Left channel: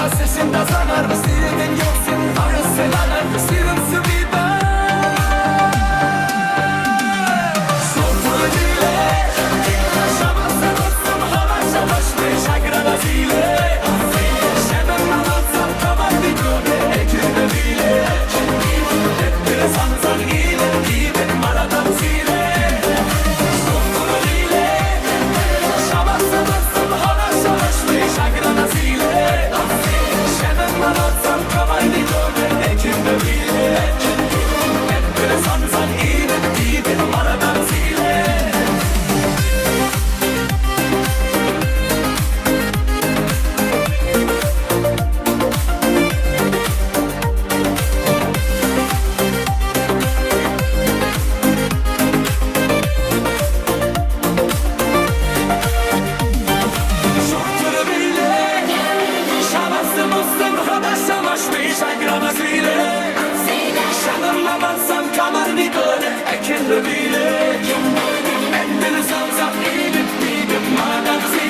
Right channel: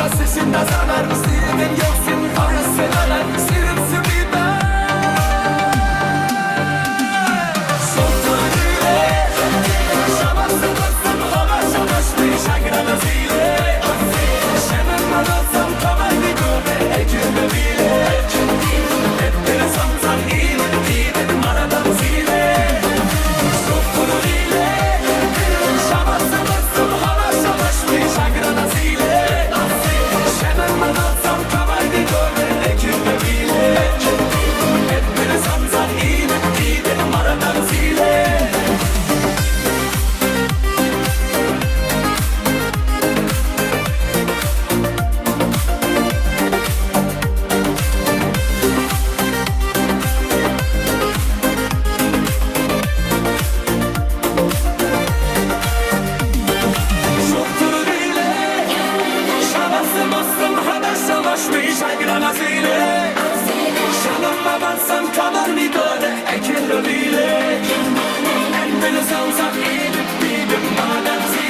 Klassischen das Sonar, Stil den Joxen, Auras Velaner, Stilem Subiba. Sultanile, Şamatsa dostum, hava şamaşmış, Agrana zile. Şemem madotsam, kavar vidode, ekürme bile. Hep bile sansan iyi de maradam zile. Sultanile, Şamatsa dostum, hava şamaşmış, Agrana zile. Hemen alsam kamar bir gölde ekimde bile. Hep böyle sansan iyi de maradan zile. Şurturu bile Şavası mustum hada şamaşmış Aygran'a zile Şanımla batsam kamar bir göre Ekimde bile Ben beni savsak iyi bir maden zile.